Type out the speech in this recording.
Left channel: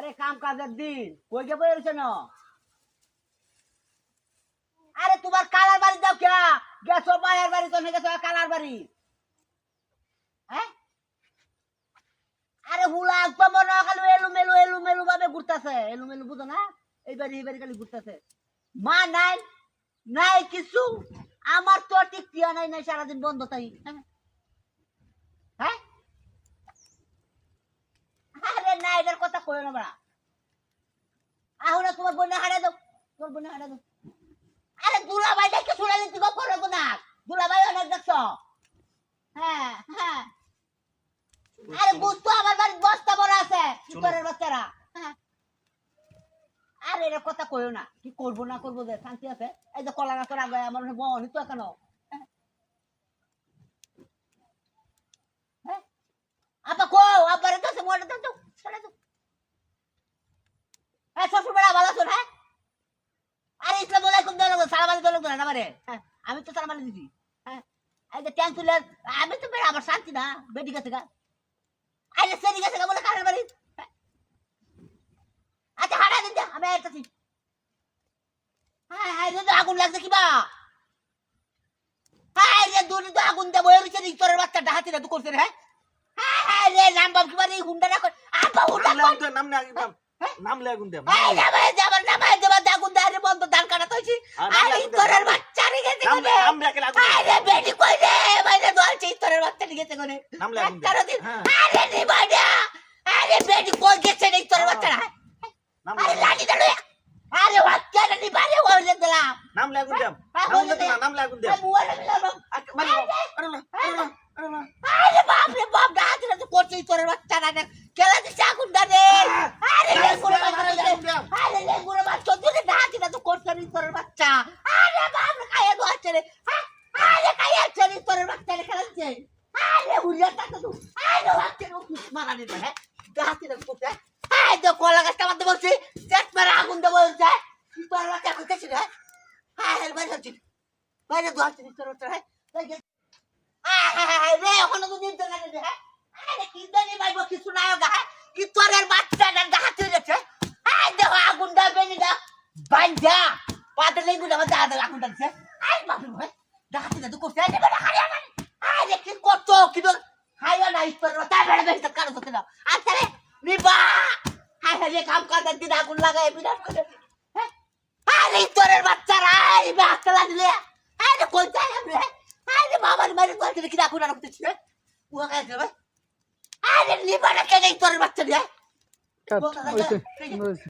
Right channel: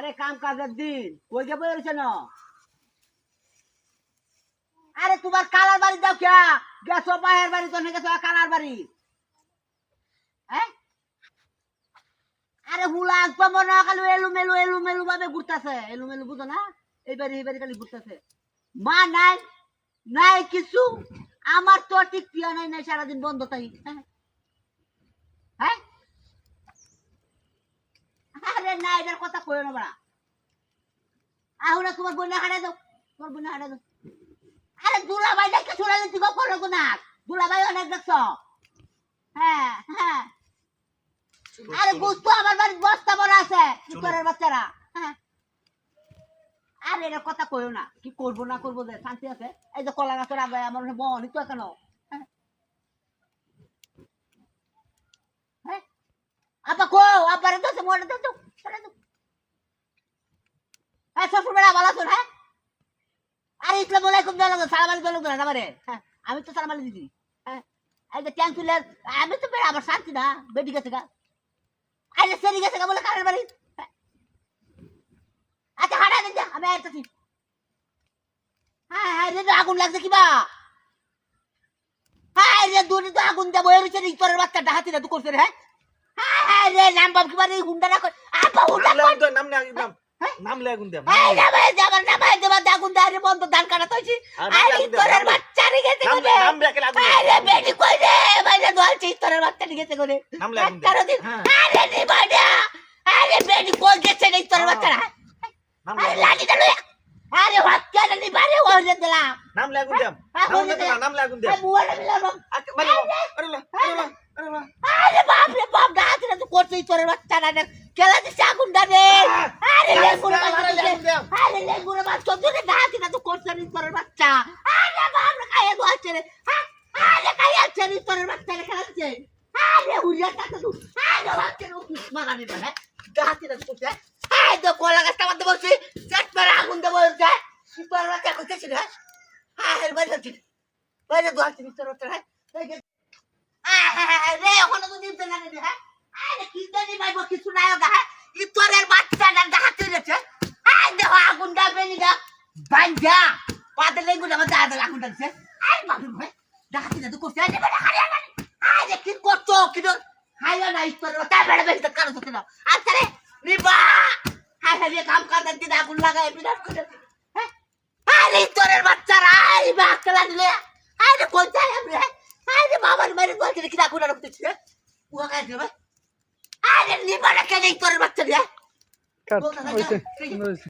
আরে কাম কাজের দিন কই যাবো এরছে না। আরে তোমার কালার বাড়ি দাও কে গেছো বাহের বাড়ি তো গেছো কালার বাড়ি। হ্যাঁ আরে হুলা তো মনে খালি এলু মেলু ভাবে ঘুরতেছে এলু মেলু বুঝো না এই বাড়ি খালি ঘুরতেছে মা নাই নাই কিছু আমার তো ঠিক টিয়া নাই নাই সারাদিন বন্ধ তাই। হ্যাঁ আরে না এটার কথা কইও না বড়া আহুনা তোমার বোন হারা দাও তোমার বোন হারা দাও। আরে দুলাভাই দেখে শুনালে দিব করো না দুলাভাই অনেক দেখছো। হ্যাঁ হ্যাঁ আরে বুঝতো আমার বাড়ি বস্তা বড় আছে তোরের বাচ্চারা। হ্যাঁ আরে এর কথা কইও না কি করবো না করবো যে শান্তি আছে এই যে কলা গাছের আগে আমার মনে বনি তো কেন। হ্যাঁ আপা কো আপারে তো সে মোড়ে দাও চলে দাও। হ্যাঁ শ্বশুর বেড়া ভালো আছো। হ্যাঁ আরে ইসলাম আলাইকুম দাও সালাম আলাইকুম দাও না আমারে। হ্যাঁ আমি তো সালাম আলাইকুম দিছি। হ্যাঁ এই যে ট্যাঙ্ক তুলে আমি তো বেড়া আমার শান্তি না বেডি গেছে গা আরে সেরি গেছে গা বলে কারের বাড়ি। আচ্ছা হাঁটা দেন যা আমি আইতাছি। হ্যাঁ হ্যাঁ রে আগুন লাগছে কিবা। হ্যাঁ রে দূরে তো আগুন দেবো এর ভিতরে তোর বাচ্চাটা হাতি না তুই করছিস। হ্যাঁ হ্যাঁ হ্যাঁ রে নাম বাপ কিবা রে হুন্ডা না কর আপা হুন্ডা নাম নাম নে নাম নাম লে আগুন দে এই যাবে যাবার নাম এই দেবা আগুন দে রে বন্ধ ধান কাটা তইছি আরে তোর বাচ্চা রে গেছে নাম কোনে নাম রে আগুন আরে বেটি কই রে বাইরে দলছি তোর বাচ্চা রে গেছে কোনে নাম লে আগুন দে আরে নি বাড়া আরে বেটি কই গেছে রে তোর বাচ্চা নাম আরে লাঠি দে আরে বাচ্চা নি বাড়ি ওরে দিলা নাম লে আগুন দে নাম লে আগুন দে মুয়ারে মিলাম মানে আরে আরে বাপ রে বাপ ডাক রে তো করছিস তোর বাচ্চা না কেলা দিছে আগুন দে রে আরে লেগুড়া আরে লেগুড়া বাচ্চা তুই ডাক না তো করছিস তোর বাচ্চা আরে বাপ রে খাইয়া দোয়াছে রে আরে খাইয়া চলি তোর বাচ্চা রে খেলাচ্ছে আরে হুরিয়া তাতে তুই আরে বাচ্চা রে মারা নি হ্যাঁ ডাক না তো করছিস আরে তো কলা গাছটা মধ্যে বলছি চেক মারা আগুন দে বলছে তোর বাচ্চা করছিস রে আরে বাইরে হচ্ছিস বাইরে দোয়াছে তোর বাচ্চা রে ওখানে তো দিতে না রে হ্যাঁ আরে কি জানি ভাই কিছু নাই গা ই তোরের বাচ্চাটা ডাহাতে রেছে আই দেখো আগুন দাবে নি গা বাঞ্জা পাতে লেগু না দাদা দাদা আগুন দাছে আই বাপ রে ডাহাতে না তো করতে আরে বড় হারিয়া না আরে কি করছো কি দর হাইয়া না ই তোর তা বেড়ে বেড়ে কারো তো না আচ্ছা রে নিবা হাই হাই কাম কাজ দিন আগুন লাগায় বিনাশ করে হ্যাঁ আরে তোরের বাচ্চারা এই বাচ্চারা দিলে আরে কোন যায় আমরা আরে বাবার মেরে বলতে কি আগুন আর করতেছিস ও কাছে ভাই আরে নিবা না কে যাই তোর বাচ্চা দিয়ে কাট হইছে